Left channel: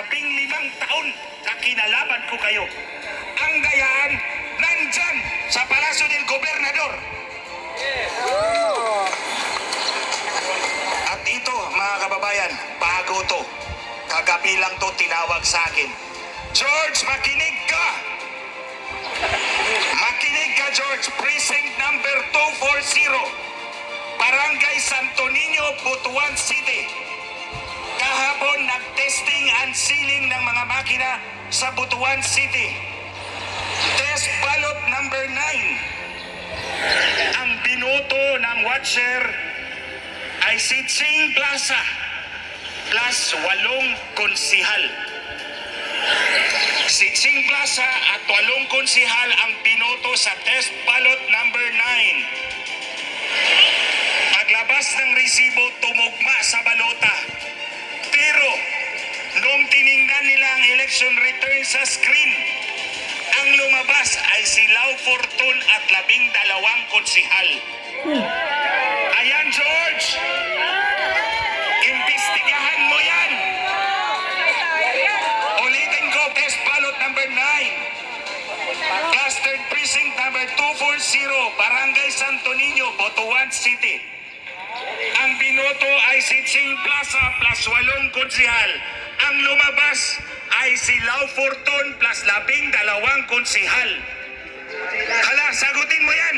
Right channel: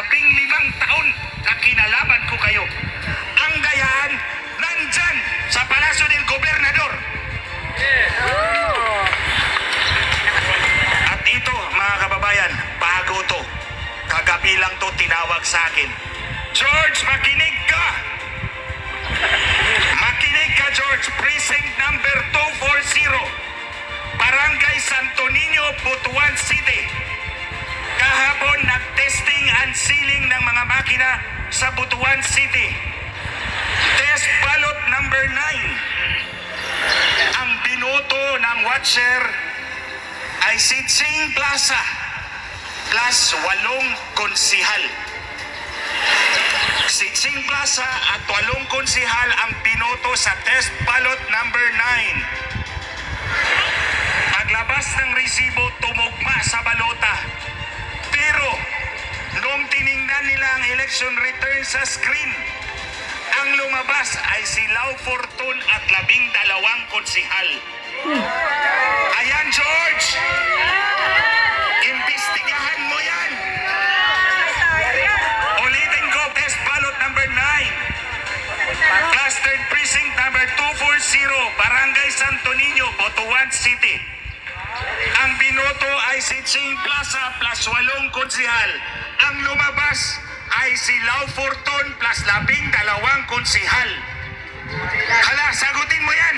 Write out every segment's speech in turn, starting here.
15 taon na kinalaban ko kayo. Ang dayaan, nandyan sa Palasyo del Gobernador. At ito, mga kababayan, bago to. Kagabi lang to tinawag sa akin. George, makinig ka! Makinig ka, George. Precinct number 240. Barangay Santo Niño, Butuan City. Kahapon, nag-testing and sealing ng mga makina sa Butuan City. Test ballot number 9. Ang binoto ng watcher ay si Ching Plaza plus 8 konsihal. Si Ching Plaza at 8 konsihal ang binoto sa test ballot number 9. Paglabas ng resibo, tumugma sa balota. Pero, nung tiningnan nila ang election return sa screen, ang lumabas ay si Lau Fortun at 12 konsihal. Ayan, George! Imbestigahan mo yan! Ulitin ko, test ballot number 9. Clustered precinct number 240, Barangay Santo Niño, Butuan City. Ang binoto ay si Ching Plaza plus 8 konsihal. Ang lumabas ay si Lau Fortun plus 12 konsihal. Hala, sagutin mo yan!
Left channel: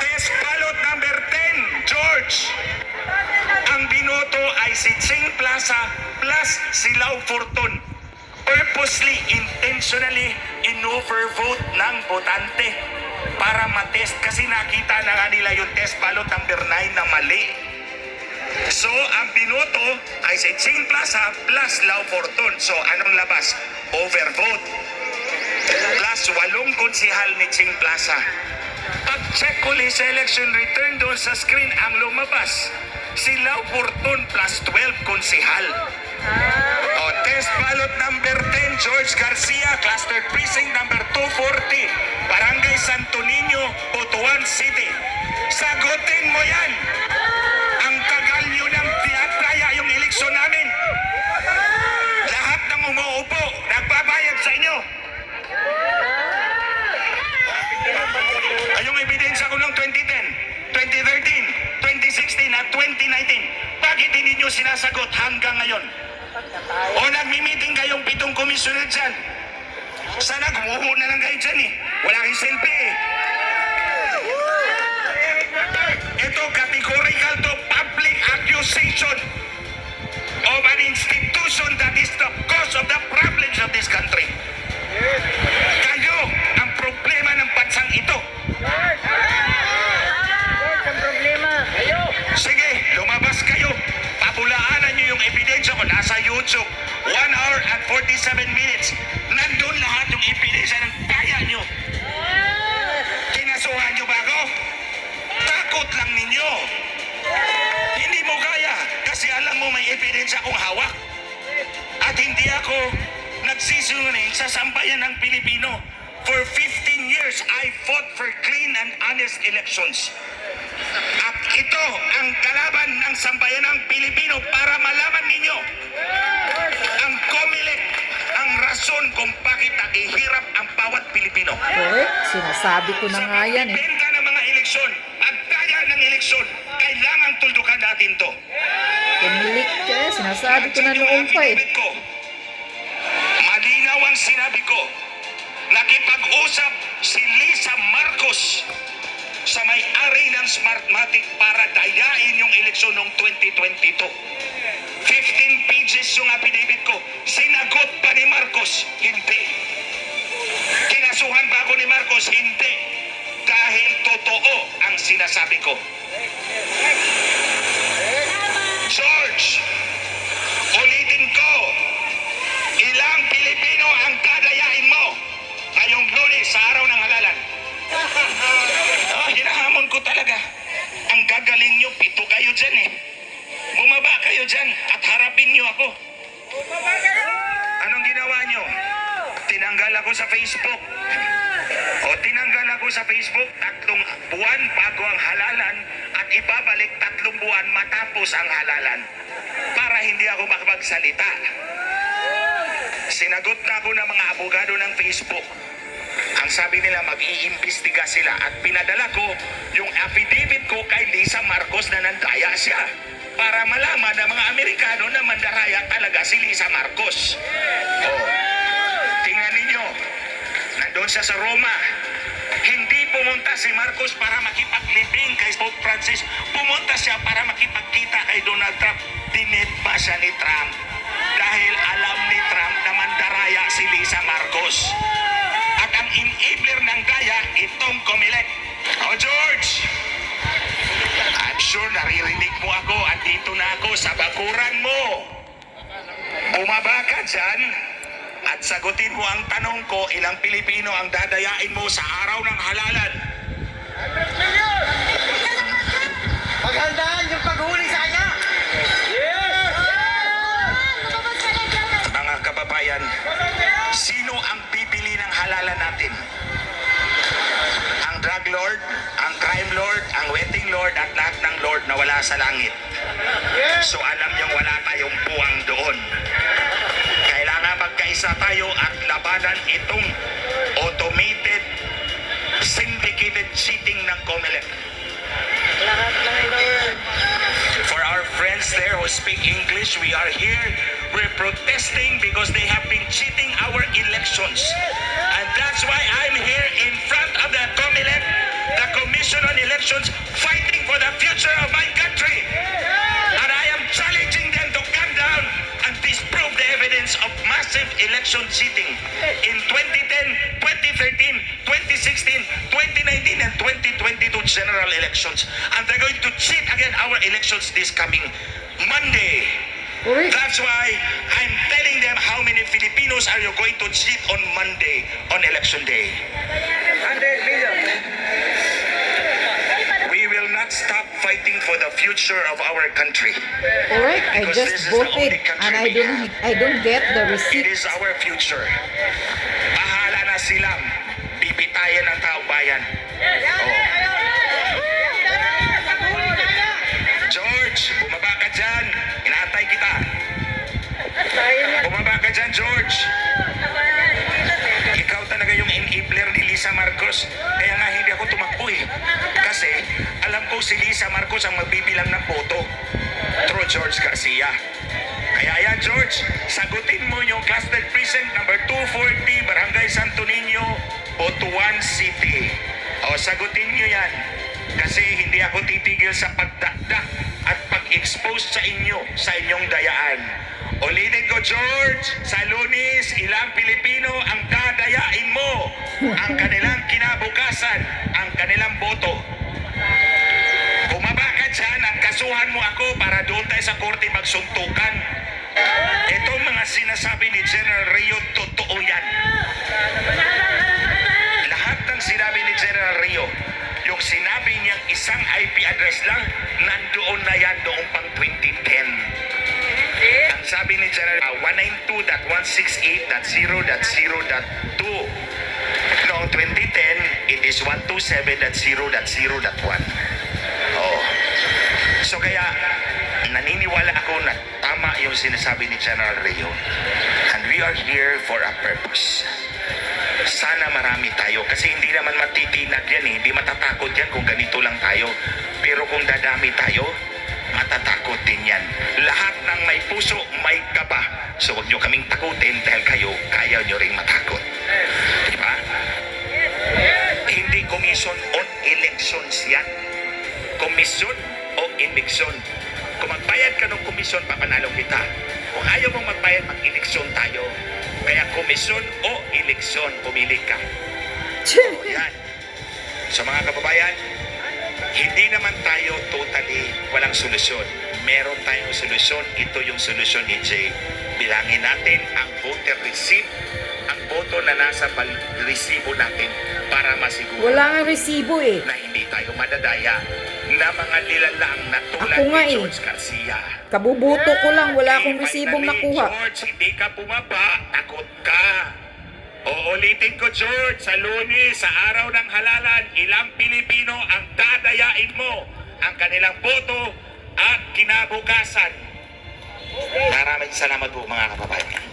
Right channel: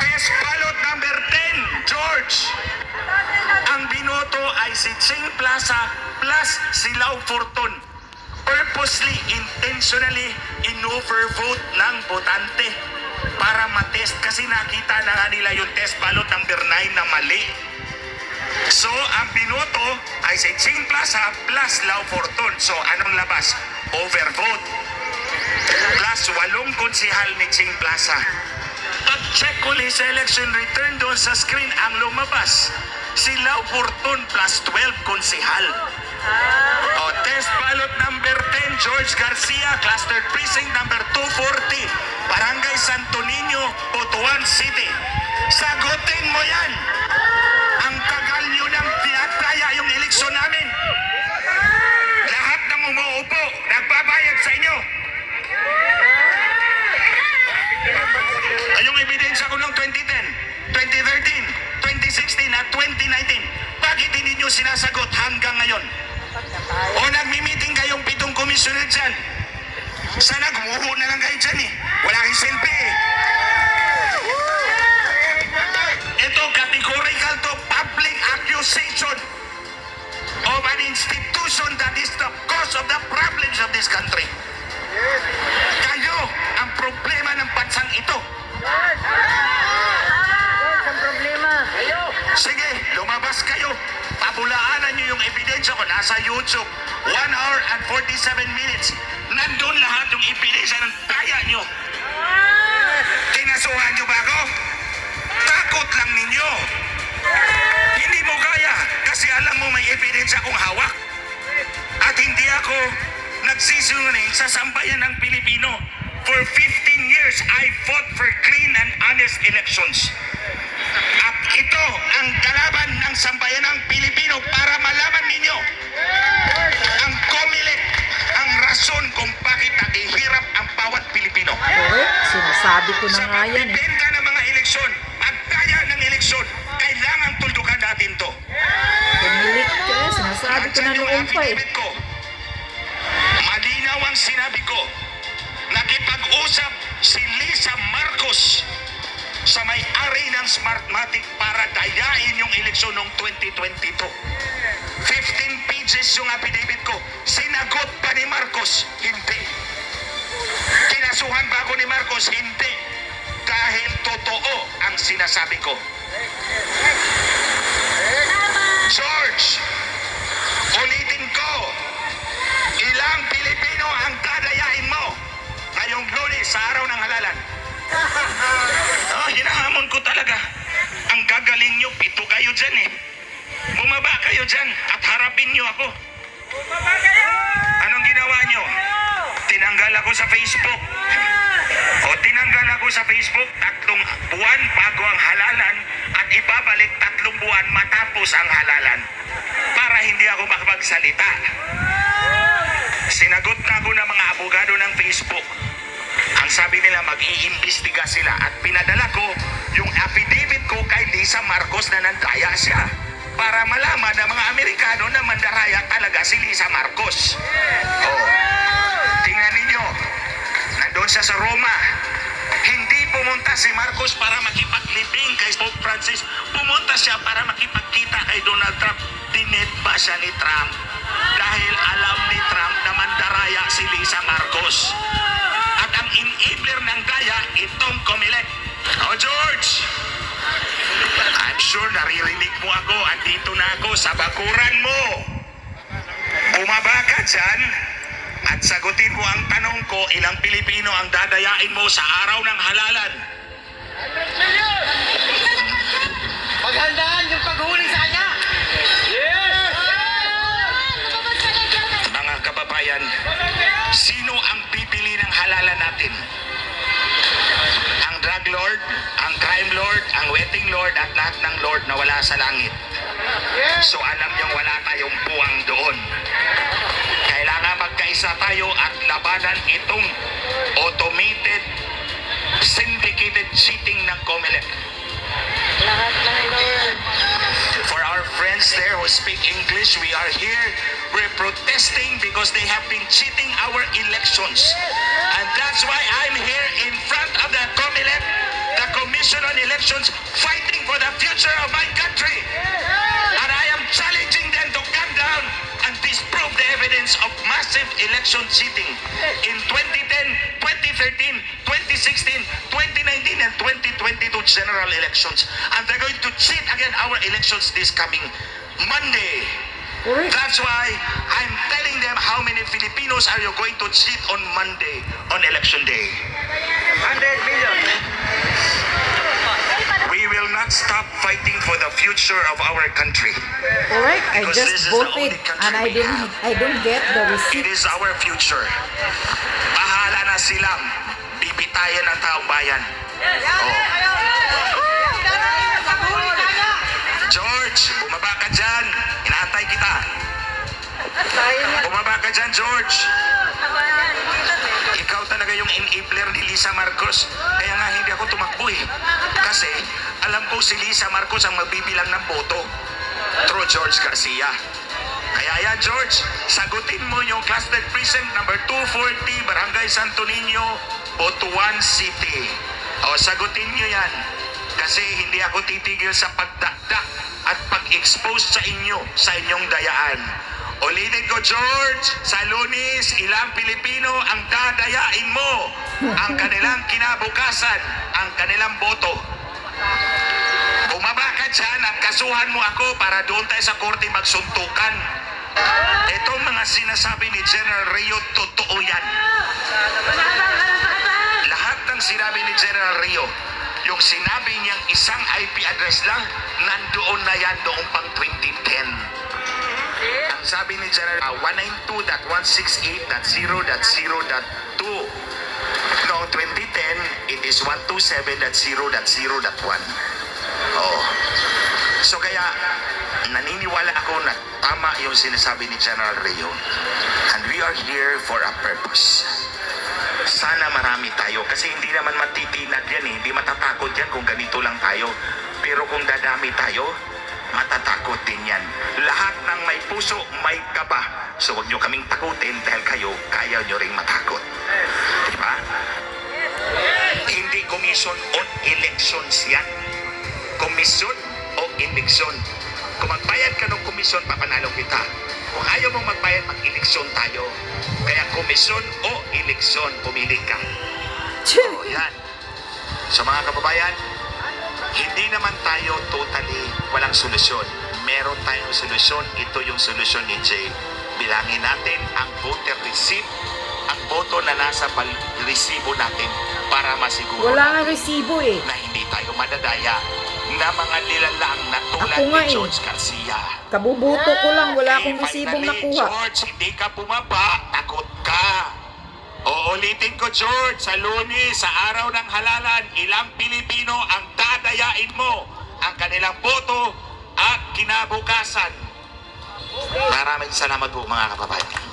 Test ballot number 10, George. Ang binoto ay si Ching Plaza plus si Lau Fortun. Purposely, intentionally, in-overvote ng botante para matest kasi nakita na nga nila yung test ballot number 9 na mali. So, ang binoto ay si Ching Plaza plus Lau Fortun. So, anong labas? Overvote. Plus 8 konsihal ni Ching Plaza. Pag-check ulit sa election return doon sa screen, ang lumabas si Lau Fortun plus 12 konsihal. Test ballot number 10, George Garcia, clustered precinct number 240, Barangay Santo Niño, Butuan City. Sagutin mo yan! Ang tagal nyo nang tinataya yung eleksyon namin. Lahat ng umuupo, nagbabayad sa inyo. Ay, yung ebidensya ko noong 2010, 2013, 2016 at 2019, bakit hindi nyo sinasagot hanggang ngayon? O nagmi-meeting kayong 7 komisyoner dyan? Sana gumuho na lang kayo dyan eh. Wala kayong selfie eh. Ito, categorical to public accusation of an institution that is the cause of the problems of this country. Kayo ang problema ng bansang ito. Ang problema. Sige, lumabas kayo. Pabulaanan nyo yung ebidensya ko. Nasa YouTube. 1 hour and 47 minutes. Nandun lahat yung ebidensya ng kaya nyo. Kinasuhan nyo ba ako? Takot lang ninyo. Hindi mo kaya kasi alam mo may ebidensya kong hawak. At hindi ako nagsisinungaling sa sambayan ng Pilipino. For 15 years, I fought for clean and honest elections. At ito ang kalaban ng sambayan ng Pilipino para malaman ninyo ang COMELEC, ang rason kung bakit naghihirap ang bawat Pilipino. Correct. Sinasabi ko na nga yan eh. Sa pagbibenta ng mga eleksyon, pagkaya ng eleksyon, kailangan tuldukan natin to. Pumilik ka. Sinasabi ko na noong pa eh. Malinaw ang sinabi ko. Nakipag-usap si Lisa Marcos sa may-ari ng Smartmatic para dayain yung eleksyon noong 2022. 15 pages yung affidavit ko. Sinagot ba ni Marcos? Hindi. Kinasuhan ba ako ni Marcos? Hindi. Dahil totoo ang sinasabi ko. George, ulitin ko, ilang Pilipino ang dadayain mo ngayong Lunes sa araw ng halalan? Hinahamon ko talaga. Ang gagaling nyo, 7 kayo dyan eh. Bumaba kayo dyan at harapin nyo ako. Anong ginawa nyo? Tinanggal ako sa Facebook. O tinanggal ako sa Facebook 3 buwan bago ang halalan at ibabalik 3 buwan matapos ang halalan para hindi ako makapagsalita. Sinagot na ako ng mga abogado ng Facebook. Ang sabi nila mag-iimbestiga sila at pinadala ko yung affidavit ko kay Lisa Marcos na nandaya siya para malaman ng mga Amerikano na mandaraya talaga si Lisa Marcos. Oh, tingnan ninyo, nandun siya sa Roma. Hindi pumunta si Marcos para makipaglibing kay Pope Francis. Pumunta siya para makipagkita kay Donald Trump. Dinit pa siya ni Trump dahil alam ni Trump na mandaraya si Lisa Marcos. At ang enabler ng daya, itong Comelec. O George, I'm sure naririnig mo ako at dito na ako sa bakuran mo. Bumaba ka dyan at sagutin mo ang tanong ko, ilang Pilipino ang dadayain mo sa araw ng halalan? Paghandaan yung paghuli sa kanya! Mga kababayan, sino ang bibili ng halalan natin? Ang drug lord, ang crime lord, ang wedding lord at lahat ng lord na wala sa langit. So alam niyong wala tayong puwang doon. Kailangan magkaisa tayo at labanan itong automated syndicated cheating ng Comelec. For our friends there who speak English, we are here. We're protesting because they have been cheating our elections. And that's why I'm here in front of the Comelec, the Commission on Elections, fighting for the future of my country. And I am challenging them to come down and disprove the evidence of massive election cheating in 2010, 2013, 2016, 2019, and 2022 general elections. And they're going to cheat again our elections this coming Monday. Correct. That's why I'm telling them how many Filipinos are you going to cheat on Monday, on election day. 100 million. We will not stop fighting for the future of our country. Correct. I Because just this is the voted only country and I we don't get the It receipt. is our future. Bahala na silang bibitayan ng taong bayan. George, bumaba ka dyan. Inaantay kita. Bumaba ka dyan, George. Ikaw talaga yung enabler ni Lisa Marcos. Kaya nga hindi ako tumakbo eh. Kasi alam ko si Lisa Marcos ang magbibilang ng boto through George Garcia. Kaya yan, George, sagutin mo yung cluster precinct number 240, Barangay Santo Niño, Butuan City. O, sagutin nyo yan. Kasi hindi ako titigil sa pagdakdak at pag-expose sa inyo, sa inyong dayaan. Ulitin ko, George, sa Lunes, ilang Pilipino ang dadayain mo ang kanilang kinabukasan, ang kanilang boto. Bumaba ka dyan at kasuhan mo ako para doon tayo sa korte magsuntukan. Itong mga sinasabi ni General Rio, totoo yan. Lahat ng sinabi ni General Rio, yung sinabi niyang isang IP address lang, nandoon na yan doon pang 2010. Ang sabi ni General, 192.168.0.0.2. Noong 2010, it is 127.0.0.1. Oh. So kaya, naniniwala ako na tama yung sinasabi ni General Rio. And we are here for a purpose. Sana marami tayo kasi hindi naman matitinag yan eh. Hindi matatakot yan kung ganito lang tayo. Pero kung dadami tayo, matatakot din yan. Lahat ng may puso, may kaba. So huwag nyo kaming takutin dahil kayo, kaya nyo ring matakot. Diba? Hindi Commission on Elections yan. Commission o eleksyon. Kung magbayad ka ng komisyon, papanalo kita. Kung ayaw mong magbayad, mag-eleksyon tayo. Kaya komisyon o eleksyon, pumili ka. O yan. So mga kababayan, hindi naman tayo totally walang solusyon. Meron tayong solusyon. Ito yung solusyon ni Jay. Bilangin natin ang voter receipt, ang boto na nasa resibo natin para masiguro Wala nga resibo eh. na hindi tayo madadaya na mga nilalang na tulad Ako nga ni eh. George Garcia. Kabubuto ko lang, wala akong Eh, resibong finally, nakuha. George, hindi ka bumaba, takot ka. Uulitin ko, George, sa Lunes, sa araw ng halalan, ilang Pilipino ang dadayain mo ang kanilang boto at kinabukasan. Maraming salamat po mga kababayan.